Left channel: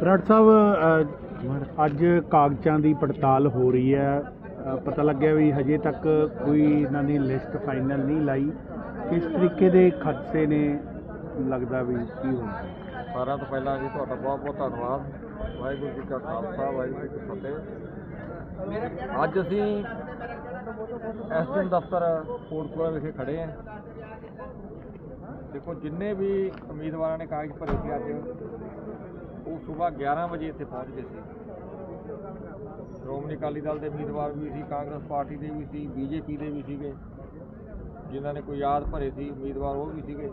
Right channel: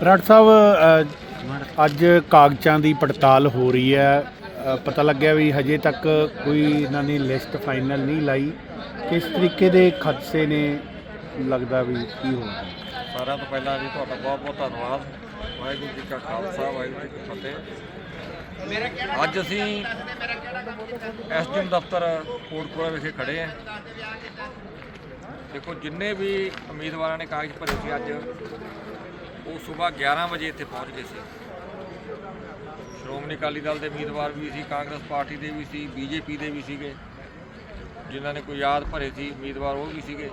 ਬਰਾੜ ਸਾਹਿਬ ਅੱਜ ਕਾਗਜ਼ਾਂ ਦੀ ਪੜਤਾਲ ਹੋ ਰਹੀ ਹੈ। ਪਤਾ ਲੱਗਿਆ ਵੀ ਹਜੇ ਤੱਕ ਕੋਈ ਇਹਨਾਂ ਨੇ ਲਿਸਟ ਫਾਈਨਲ ਨਹੀਂ ਲਾਈ। ਕਿਸ ਤਰੀਕੇ ਦੇ ਖਦਸ਼ੇ ਨੇ ਲੱਗਦਾ ਵੀ ਕੀ ਹੋਣਾ? ਸਾਰਿਆਂ ਤੋਂ ਪਹਿਲਾਂ ਜੀ ਤੁਹਾਡਾ ਬਹੁਤ ਬਹੁਤ ਧੰਨਵਾਦ। ਵਾਹਿਗੁਰੂ ਜੀ ਕਾ ਖਾਲਸਾ, ਵਾਹਿਗੁਰੂ ਜੀ ਕੀ ਫਤਿਹ। ਅੱਜ ਅਸੀਂ ਐਸਡੀਐਮ ਦਫ਼ਤਰ ਕੋਟਕਪੂਰਾ ਵਿਖੇ ਖੜੇ ਹਾਂ। ਦੇਖੋ, ਜਿੰਨੇ ਵੀ ਉਮੀਦਵਾਰਾਂ ਨੇ ਕਾਗਜ਼ ਭਰੇ ਸੀ ਅੱਜ ਉਹ ਸਵੇਰ 11 ਵਜੇ ਇੱਥੇ ਪਹੁੰਚ ਗਏ ਸੀ। ਸ਼੍ਰੋਮਣੀ ਅਕਾਲੀ ਦਲ ਦੇ ਉਮੀਦਵਾਰ ਵੀ ਸੀ, ਕਾਂਗਰਸ ਪਾਰਟੀ ਦੇ ਵੀ ਸੀ, ਬੀਜੇਪੀ ਦੇ ਵੀ ਸੀਗੇ। ਜਿਨ੍ਹਾਂ ਨੇ ਕੋਈ ਯਾਦ ਭਰੇ ਸੀ, ਉਮੀਦਵਾਰ ਉਹ ਵੀ ਸੀਗੇ।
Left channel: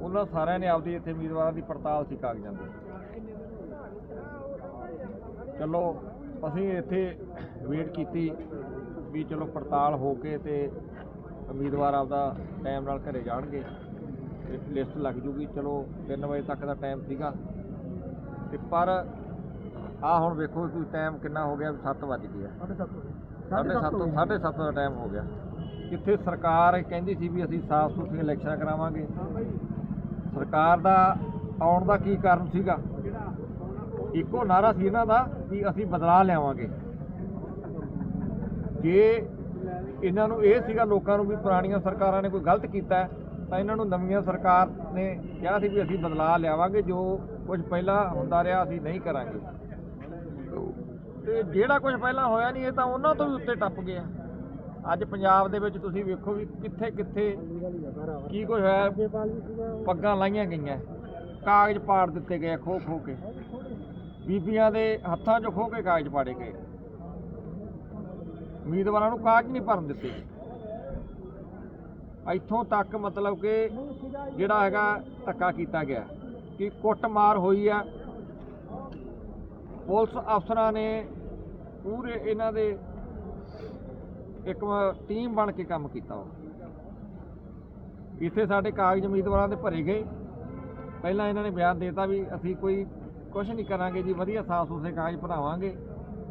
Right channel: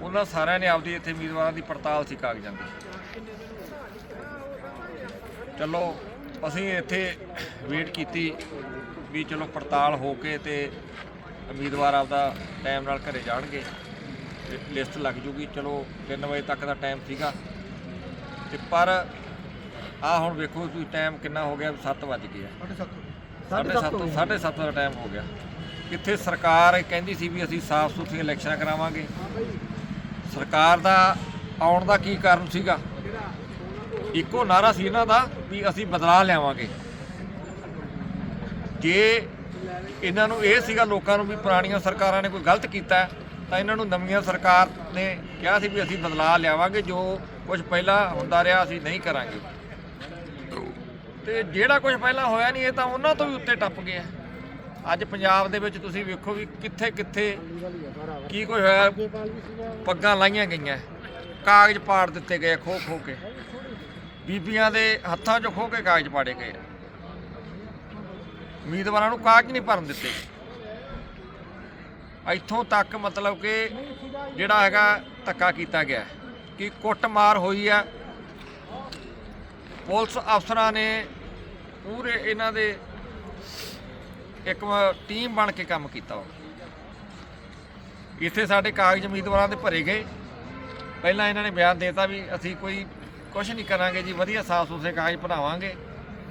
ਉਹਨਾਂ ਸਾਰਿਆਂ ਨੇ ਆਪਦੀ ਇੱਥੇ ਉਮੀਦਵਾਰਾਂ ਦੀ ਪੜਤਾਲ ਸੀ ਕਾਗਜ਼ਾਂ ਦੀ। ਚਲੋ, ਅਸੀਂ ਇੱਥੇ ਵੇਟ ਕੀਤੀ ਵੀ ਚਲੋ ਪੜਤਾਲ ਹੋ ਕੇ ਤੇ ਉਮੀਦਵਾਰ ਆਪਦਾ ਟਾਈਮ ਨਾਲ ਘਰੇ ਜਾਣਗੇ। ਲਿਸਟ ਲੱਗ ਜੂਗੀ। ਚਲੋ 3 ਵਜੇ ਤੱਕ ਦਾ ਟਾਈਮ ਸੀਗਾ। ਤੇ ਪਰ ਆ ਹੁਣ ਵੇਖੋ ਤੁਸੀਂ ਟਾਈਮ ਕਿੰਨਾ ਹੋ ਗਿਆ 7 ਵੱਜ ਗਏ ਆ। 7:30 7:30 ਦਾ ਟਾਈਮ ਹੋ ਗਿਆ। ਕਿੱਥੇ ਸਰਕਾਰ ਕਹਿੰਦੀ ਸੀ ਵੀ ਅਸੀਂ ਸਾਫ਼ ਸੁਥਰੀਆਂ ਇਲੈਕਸ਼ਨਾਂ ਕਰਾਵਾਂਗੇ। ਸਰਕਾਰ ਦਾ ਆਉਣ ਦਾ ਕੀ ਕਾਰਨ ਸੀਗਾ? ਇੱਕੋ ਨਾਰਾ ਸੀ ਇਹਨਾਂ ਦਾ ਵੀ ਅਸੀਂ ਬਦਲਾਅ ਲਿਆਵਾਂਗੇ। ਜੇ ਇਹਨਾਂ ਨੂੰ ਇਹ ਸੀਗਾ ਲੋਕਾਂ ਨੂੰ ਵੀ ਪੁਰਾਣੀਆਂ ਸਰਕਾਰਾਂ ਨੇ ਕੋਈ ਗਲਤ ਕੀਤਾ ਹੈ, ਤਾਂ ਇਹਨਾਂ ਨੂੰ ਨਵੀਆਂ ਸਰਕਾਰ ਨੇ ਕਿਹਾ ਸੀ ਵੀ ਅਸੀਂ ਬਦਲਾਅ ਲਿਆਵਾਂਗੇ ਜੋ ਕੁਝ ਪਹਿਲਾਂ ਹੁੰਦਾ ਰਿਹਾ, ਅਸੀਂ ਨਹੀਂ ਕਰਾਂਗੇ। ਤੇ ਜਿਹੜਾ ਕੁਝ ਪਹਿਲਾਂ ਹੋਇਆ ਨਹੀਂ, ਇਹ ਤਾਂ ਉਹਨਾਂ ਤੋਂ ਵੀ ਉੱਤੇ ਟੱਪ ਗਿਆ। ਅੱਜ ਪੰਜਾਬ ਦੇ ਵਿੱਚ ਤੁਸੀਂ ਵੇਖੋ ਵੀ ਕਿੱਥੇ ਕਿੱਥੇ ਕੀ ਕੁਝ ਹੋਇਆ, ਪੱਗਾਂ ਲਾਈਆਂ ਗਈਆਂ। ਕਾਗਜ਼ ਪਾੜ ਦਿੱਤੇ ਗਏ ਖੋ ਖੋ ਕੇ। ਬੀਬੀਆਂ ਦੇ ਹੱਥਾਂ 'ਚੋਂ ਖੋ ਕੇ ਕਾਗਜ਼ ਪਾੜੇ ਗਏ। ਉਮੀਦਵਾਰਾਂ ਨੂੰ ਕਾਗਜ਼ ਨਹੀਂ ਭਰਨ ਦਿੱਤੇ। ਇੱਥੋਂ ਤੱਕ ਮਤਲਬ ਕਿ ਜਿਹੜਾ ਹੈਗਾ ਧੱਕਾ ਕੀਤਾ ਗਿਆ। ਕਿ ਕੁੱਟਮਾਰ ਹੋਈ ਆ। ਪੁਲਿਸ ਅਫਸਰਾਂ ਨੇ ਪੂਰੇ ਇਹਨਾਂ ਦੇ ਇੱਕ ਟੀਮ ਬਣ ਕੇ ਕੰਮ ਕੀਤਾ ਉਹ ਇੱਥੇ ਸਾਡੇ ਕਾਗਜ਼ ਉਮੀਦਵਾਰਾਂ ਦੇ ਭਰੇ ਗਏ। ਪਹਿਲਾਂ ਇਹਨਾਂ ਨੇ ਬਿਆਨ ਦੇਤਾ ਵੀ ਅਸੀਂ ਕੋਈ ਕੁਝ ਨਹੀਂ ਕਰਾਂਗੇ ਜੀ, ਵਧੀਆ ਸਾਫ਼ ਸੁਥਰੇ ਕਾਗਜ਼ ਭਰਾਵਾਂਗੇ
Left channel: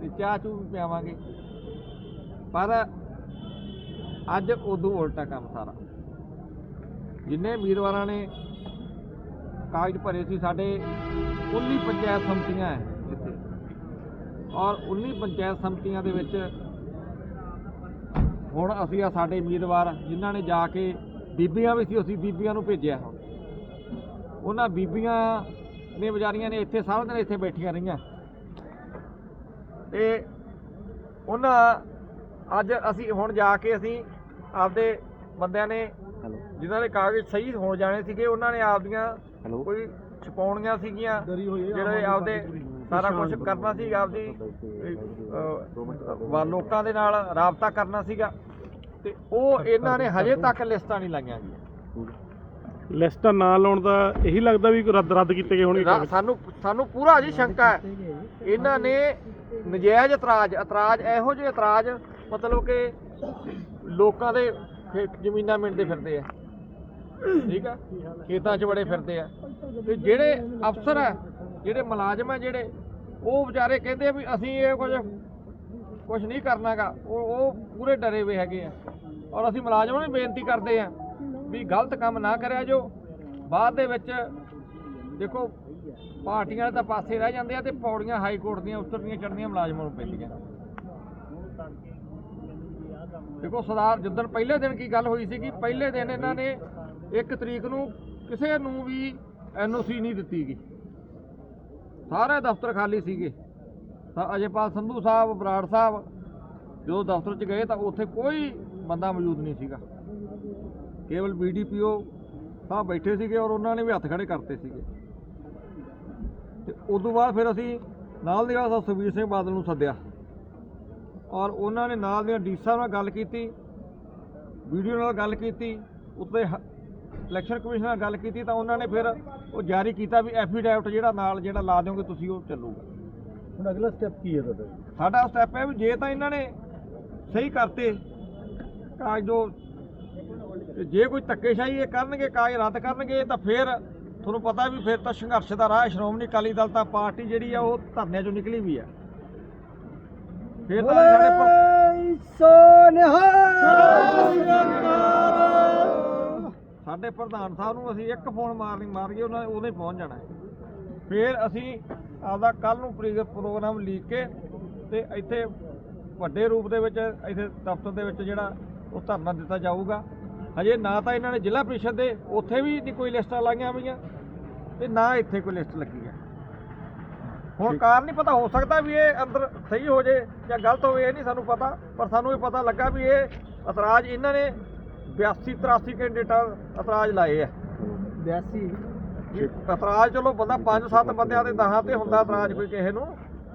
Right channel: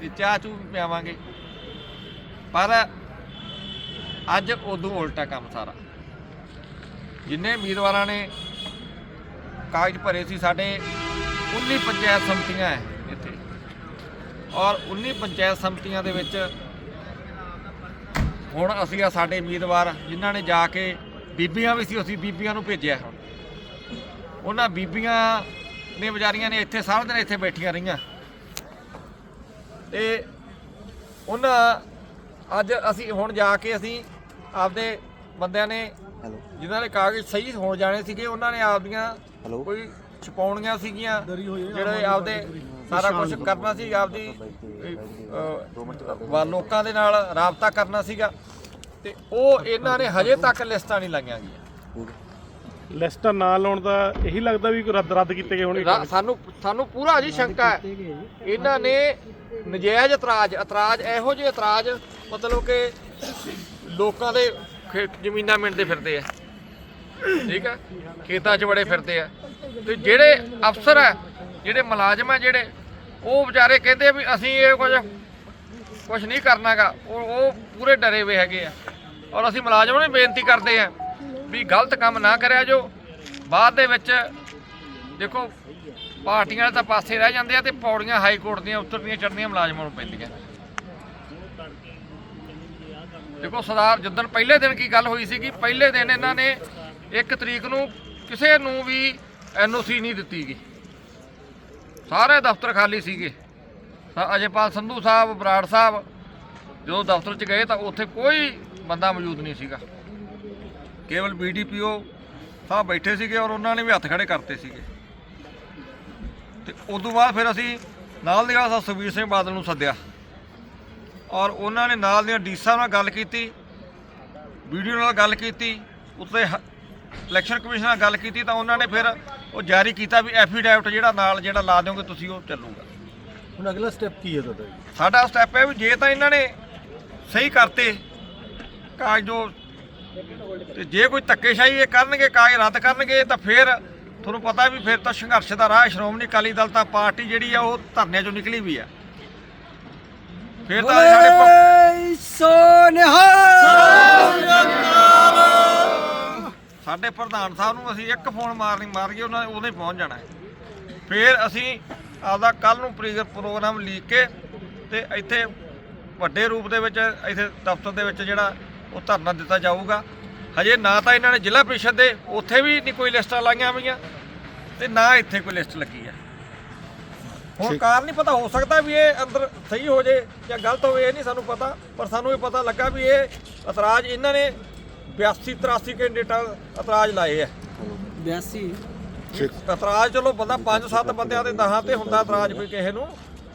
ਤੇ ਚਾਹ ਚੂ ਵੀ ਪਿਆਵਾਂਗੇ। ਪਰ ਅੱਜ ਉਦੋਂ ਉਲਟਾ ਕੰਮ ਸਾਰਾ। ਜਿੰਨੇ ਉਮੀਦਵਾਰਾਂ ਨੇ ਕਾਗਜ਼ ਭਰੇ ਸੀ ਸਾਡੇ 19 ਪੰਚਾਇਤ ਸਮਤੀਆਂ ਹੈ ਇੱਥੇ। ਔਰ 19 ਪੰਚਾਇਤ ਸਮਤੀਆਂ ਦੇ ਵਿੱਚ ਹੁਣ ਅਸੀਂ ਆ ਸਾਡੇ ਉਮੀਦਵਾਰ ਜਿਨ੍ਹਾਂ ਨੇ ਜਾ ਕੇ ਬੀਬੀਆਂ ਵੀ ਸੀ ਅਸੀਂ ਬੀਬੀਆਂ ਨੂੰ ਭੇਜਿਆ। ਹੁਣ ਉਹਨਾਂ ਬੀਬੀਆਂ ਨੇ ਵਿਚਾਰੀਆਂ ਨੇ ਇੱਥੇ ਸਾਰਾ ਦਿਨ ਇੱਥੇ ਬੈਠੀਆਂ ਰਹੀਆਂ। ਤੇ ਉਹਨਾਂ ਅੱਜ ਅਸੀਂ ਹੁਣ ਜਾ ਕੇ ਅਸੀਂ ਆਪਦੇ ਬੰਦਿਆਂ ਨੇ ਜਿਨ੍ਹਾਂ ਦੇ ਕਾਗਜ਼ ਸਹੀ ਹੋ ਜਾਣੇ ਸੀਗੇ ਉਹਨਾਂ ਨੇ ਆਪਦੀਆਂ ਕੋਈ ਛਪਾਉਣੀਆਂ ਸੀਗੀਆਂ ਜਿਹੜੇ ਆਪਦੇ ਸਾਰਾ ਕੁਝ ਕਰਨਾ ਸੀ ਆਪਦੀ ਵਾ ਲੋਕਾਂ ਦੇ ਨਾਲ ਰਾਬਤਾ ਕਰਨਾ ਸੀਗਾ। ਤੇ ਉਹ ਇਹਨਾਂ ਨੇ ਹਜੇ ਤੱਕ ਲਿਸਟਾਂ ਨਹੀਂ ਲਾਈਆਂ ਗਈਆਂ। ਲਿਸਟਾਂ ਨਾ ਲਾਉਣ ਦਾ ਇਹੀ ਲੱਗਦਾ ਵੀ ਕੋਈ ਰੱਦ ਰੱਦ ਕੀਤੇ ਗਏ ਹੋਣਗੇ। ਸਾਨੂੰ ਸਾਨੂੰ ਪੂਰਾ ਜੀ ਸ਼ੰਕਾ ਹੈ। ਇਹਨਾਂ ਨੇ ਨਜਾਇਜ਼ ਇਤਰਾਜ਼ ਇਤਰਾਜ਼ ਇਹੋ ਜਿਹੇ ਇਤਰਾਜ਼ ਮਤਲਬ ਕਿ ਲੋਕਾਂ ਦੇ ਜ਼ਮੀਨਾਂ ਮਿੰਟਦੇ ਫਿਰਦੇ ਆ। ਠੀਕ ਹੈ ਖੇਤਾਂ 'ਚ ਬੜੇ ਫਿਰਦੇ ਆ। ਤੇ ਜਿਹੜੇ ਅਫਸਰ ਆ, ਜਿਹੜੇ ਮੁਲਾਜ਼ਮ ਆ ਜਿਹੜੇ, ਉਹ ਵਿਚਾਰੇ ਕਹਿੰਦੇ ਆ ਵੀ ਅਸੀਂ ਇਹ ਕੁਝ ਕੁਝ ਨਹੀਂ ਕਰਨਾਗਾ। ਉਹ ਉਹ ਪੂਰੇ ਡਰੇ ਹੋਏ ਹੈਗੇ ਆ। ਔਰ ਅਸੀਂ ਮੁਲਾਜ਼ਮਾਂ ਨੂੰ ਬੇਨਤੀ ਕਰਦੇ ਆ ਵੀ ਗਲਤ ਕੰਮ ਨਾ ਕਰਿਆ ਜੋ ਬਾਅਦ ਦੇ ਵਿੱਚ ਦੇਖੋ, ਪਾਰਟੀਆਂ ਵਾਲੇ ਤਾਂ ਪਾਸੇ ਰਹਿ ਜਾਂਦੇ ਆ ਤੇ ਪੌੜੀਆਂ ਹਾਈ ਕੋਰਟ ਦੀਆਂ ਉਤਰਦੀਆਂ ਚੜ੍ਹਦੀਆਂ ਮੁਲਾਜ਼ਮਾਂ ਨੂੰ ਪੈਂਦੀਆਂ। ਦੇਖੋ, ਸਰਦਾਰ ਜਿੱਦਣ ਪਹਿਲੇ ਦਿਨ ਕੀ ਗੱਲ ਹੋਈ ਸੀਗੀ? ਪਹਿਲੇ ਦਿਨ ਇਹਨਾਂ ਨੇ ਇੱਕ ਤਰੀਕ ਨੂੰ ਕਿਸੇ ਨੂੰ ਵੀ ਐਨਓਸੀ ਨਹੀਂ ਦਿੱਤੀ ਗਈ। ਸਾਰੇ ਦਫ਼ਤਰ ਖਾਲੀ ਸੀਗੇ। ਅਜੇਪਾਲ ਸੰਧੂ ਸਾਹਿਬ, ਬਰਾੜ ਸਾਹਿਬ ਜਦੋਂ ਦਫ਼ਤਰ 'ਚ ਗਏ ਤਾਂ ਉੱਥੇ ਕੋਈ ਬੰਦਾ ਮੌਜੂਦ ਨਹੀਂ ਸੀਗਾ। ਕੇਵਲ ਬੀਡੀਪੀਓ ਸਾਹਿਬ ਬੈਠੇ ਸੀਗੇ ਔਰ ਉਹਨਾਂ ਨੇ ਵੀ ਹੱਥ ਖੜੇ ਕਰਤੇ ਸੀਗੇ। ਤੇ ਤੋਂ ਬਾਅਦ ਫਿਰ ਅਸੀਂ ਨਾਲ ਦੀ ਨਾਲ ਸੁਖਬੀਰ ਸਿੰਘ ਬਾਦਲ ਨੂੰ ਸੱਦਿਆ। ਔਰ ਉਹਨਾਂ ਨੇ ਨਾਲ ਦੀਆਂ ਡੀਸਾ ਨਾਲ ਗੱਲ ਕੀਤੀ, ਵੀਡੀਓ ਨਾਲ ਗੱਲ ਕੀਤੀ, ਉੱਤੇ ਹ- ਇਲੈਕਸ਼ਨ ਕਮਿਸ਼ਨ ਨਾਲ ਗੱਲ ਕੀਤੀ ਤਾਂ ਉਹਨਾਂ ਨੇ ਫਿਰ ਉਹ ਜਾਰੀ ਕੀਤਾ ਵੀ ਐਫੀਡੈਵਿਟ ਜਿਹੜਾ ਨਾਲ ਜਿਹੜਾ ਲਾ ਦਿਓਗੇ ਤੁਸੀਂ ਉਹ ਚੱਲੂਗਾ ਹੁਣ ਅਗਲਾ ਸਟੈਪ ਕੀ ਹੈ ਤੁਹਾਡਾ ਸਾਡਾ ਸਟੈਪ ਹੈ ਵੀ ਜੇ ਤਾਂ ਇਹਨਾਂ ਨੇ ਸਹੀ ਕਰਤੇ ਕਾਗਜ਼ ਜੋ ਤੇ ਜੇ ਕੋਈ ਧੱਕੇਸ਼ਾਹੀ ਇਹ ਕਰਨਗੇ ਕਾਗਜ਼ ਰੱਦ ਕਰਨਗੇ ਤਾਂ ਫਿਰ ਤੁਹਾਨੂੰ ਪਤਾ ਵੀ ਫਿਰ ਤਾਂ ਸੰਘਰਸ਼ ਦਾ ਰਾਹ ਹੈ। ਸ਼੍ਰੋਮਣੀ ਅਕਾਲੀ ਦਲ ਤਾਂ ਪਾਰਟੀ ਜਿਹੜੀ ਆ ਉਹ ਧਰਨਿਆਂ ਚੋਂ ਨਿਕਲੀ ਵੀ ਆ ਫਿਰ ਤਾਂ ਸਾਡੇ ਪ- ਸਾਡੇ ਪ੍ਰਧਾਨ ਸਾਹਿਬ ਨੂੰ ਅਸੀਂ ਇੱਕ ਫੋਨ ਮਾਰਨੀ ਮਾਰ ਗਏ ਉਹਨਾਂ ਨੇ ਉਹਨੇ ਪਹੁੰਚ ਜਾਣਾ। ਹੈ। ਫਿਰ ਅਸੀਂ ਆਪਦਾ ਕੱਲ ਨੂੰ ਪ੍ਰੀ- ਪ੍ਰੋਗਰਾਮ ਲੀਕ ਕੇ ਤੇ ਇੱਥੇ ਵੱਡੇ ਰੂਪ ਦੇ ਵਿੱਚ ਇੱਥੇ ਦਫ਼ਤਰ ਦੇ ਵਿੱਚ ਜਿਹੜਾ ਉਹ ਧਰਨਾ ਦਿੱਤਾ ਜਾਊਗਾ। ਹਜੇ ਨਾ ਤਾਂ ਇਹਨਾਂ ਨੇ ਜ਼ਿਲ੍ਹਾ ਪ੍ਰੀਸ਼ਦ ਦੇ ਉੱਥੇ ਵੀ ਨਹੀਂ ਕੋਈ ਲਿਸਟਾਂ ਲਾਈਆਂ ਹੋਈਆਂ ਤੇ ਨਾ ਇੱਥੇ ਕੋਈ ਲਿਸਟ ਲੱਗੀ ਹੈ ਹੁਣ ਕਾਰਨ ਨਹੀਂ ਪਤਾ ਹੋ ਸਕਦਾ ਵੀ ਇਹ ਅੰਦਰ ਸਹੀ ਹੋ ਜੇ ਜਾਂ ਗਲਤ ਹੋਵੇ ਇਹ ਨਹੀਂ ਸਾਨੂੰ ਪਤਾ ਪਰ ਸਾਨੂੰ ਇਹ ਪਤਾ ਲੱਗਾ ਵੀ ਇਹ ਇਤਰਾਜ਼ ਇਹਨਾਂ ਨੇ 82 83 ਕੈਂਡੀਡੇਟਾਂ ਇਤਰਾਜ਼ ਲਾਏ ਆ। 82 ਇਤਰਾਜ਼ ਚਲੋ ਬੰਦਾ 5-7 ਬੰਦਿਆਂ ਦੇ ਦਹਾਂ ਤੇ ਹੁੰਦਾ ਇਤਰਾਜ਼ ਕੋਈ ਕਿਸੇ ਨੂੰ।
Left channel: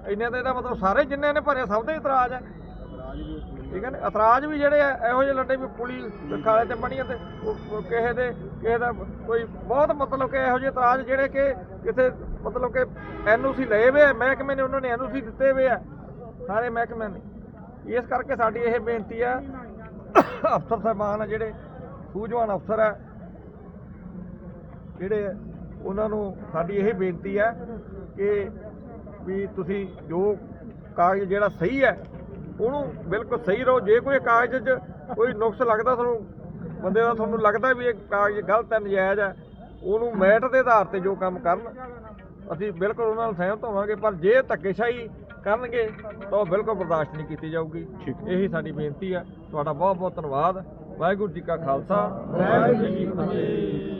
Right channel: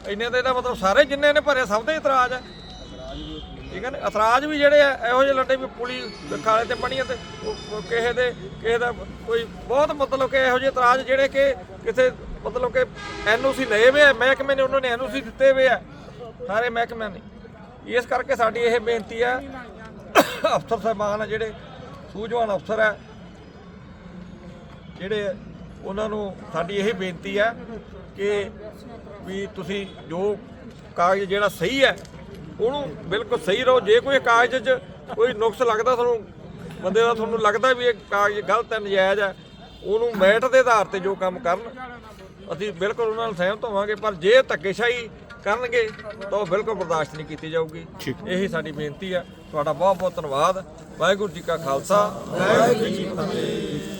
ਇੰਨੇ ਤੇ ਇਹਦਾ ਮਤਲਬ ਸਾਰੇ ਜਿੰਨੇ ਨੇ ਭਰੇ ਸਭ ਦੇ ਇਤਰਾਜ਼ ਆ। ਠੀਕ ਹੈ ਨਾ? ਇਤਰਾਜ਼ ਵੀ ਜਿਹੜੇ ਆ ਇਹੋ ਜਿਹੇ ਲੱਡੇ ਵੀ ਪੁਲੀ ਖਾਲੇ ਤੇ ਬਣੀਆਂ ਤੇ ਕਿਸੇ ਦੇ ਕਿਸੇ ਦਾ ਕੋਈ ਬਹੁਤ ਮਤਲਬ ਕਿ ਇਹੋ ਜਿਹੇ ਇਤਰਾਜ਼ ਜਿਹੜੇ ਕਿ ਕਿਸੇ ਮਤਲਬ ਕਿ ਐਨਓਸੀ ਲਏ ਵੇ ਆ ਮਹਿਕਮੇ ਨੇ ਉਹਨਾਂ ਨੇ ਐਨਓਸੀ ਦਿੱਤੇ ਵੇ ਆ। ਸਾਰੇ ਮਹਿਕਮਿਆਂ ਨੇ। ਇਸ ਕਰਕੇ ਸਾਡੀ ਇਹ ਬੇਨਤੀ ਆ ਅਫਸਰ ਸਾਹਿਬਾਨ ਆ ਜਿਹੜੇ, ਸੂਝਵਾਨ ਅਫਸਰ ਆ। ਜਿਹੜੇ ਉਹਨਾਂ ਨੂੰ ਸਾਡੀ ਇਹ ਬੇਨਤੀ ਹੈ ਕਿ ਵੀ ਤੁਸੀਂ ਜੋ ਕਾਗਜ਼ ਜਿਹੜਾ ਸਹੀ ਹੈ ਉਹਨੂੰ ਬਿਲਕੁਲ ਸਹੀ ਰਹੋ। ਜੇ ਕੋਈ ਕਾਗਜ਼ 'ਚ ਕੋਈ ਨੁਕਸ ਲੱਗਦਾ ਤੁਹਾਨੂੰ, ਬੰਦੇ ਦਾ ਤੁਹਾਨੂੰ ਲੱਗਦਾ ਵੀ ਇਹ ਕਾਗਜ਼ ਗਲਤ ਹੈ ਨਜਾਇਜ਼ ਹੈ ਉਹਨੂੰ ਮੈਟ ਦੇ ਆਧਾਰ ਤੇ ਜੋ ਕੰਮ ਕਰਨ, ਅਸੀਂ ਬਿਲਕੁਲ ਉਹਨਾਂ ਨਾਲ ਸਹਿਮਤ ਹੋਵਾਂਗੇ। ਪਰ ਜੇ ਧੱਕੇਸ਼ਾਹੀ ਕਰਨਗੇ ਤਾਂ ਉਹ ਬਿਲਕੁਲ ਬਰਦਾਸ਼ਤ ਨਹੀਂ ਕੀਤੀ ਜਾਊਗੀ। ਇਹੀ ਸਾਡੀ ਬੇਨਤੀ ਹੈ ਤੁਹਾਡਾ ਬਹੁਤ ਬਹੁਤ ਧੰਨਵਾਦ। ਵਾਹਿਗੁਰੂ ਜੀ ਕਾ ਖਾਲਸਾ। ਵਾਹਿਗੁਰੂ ਜੀ ਕੀ ਫਤਿਹ।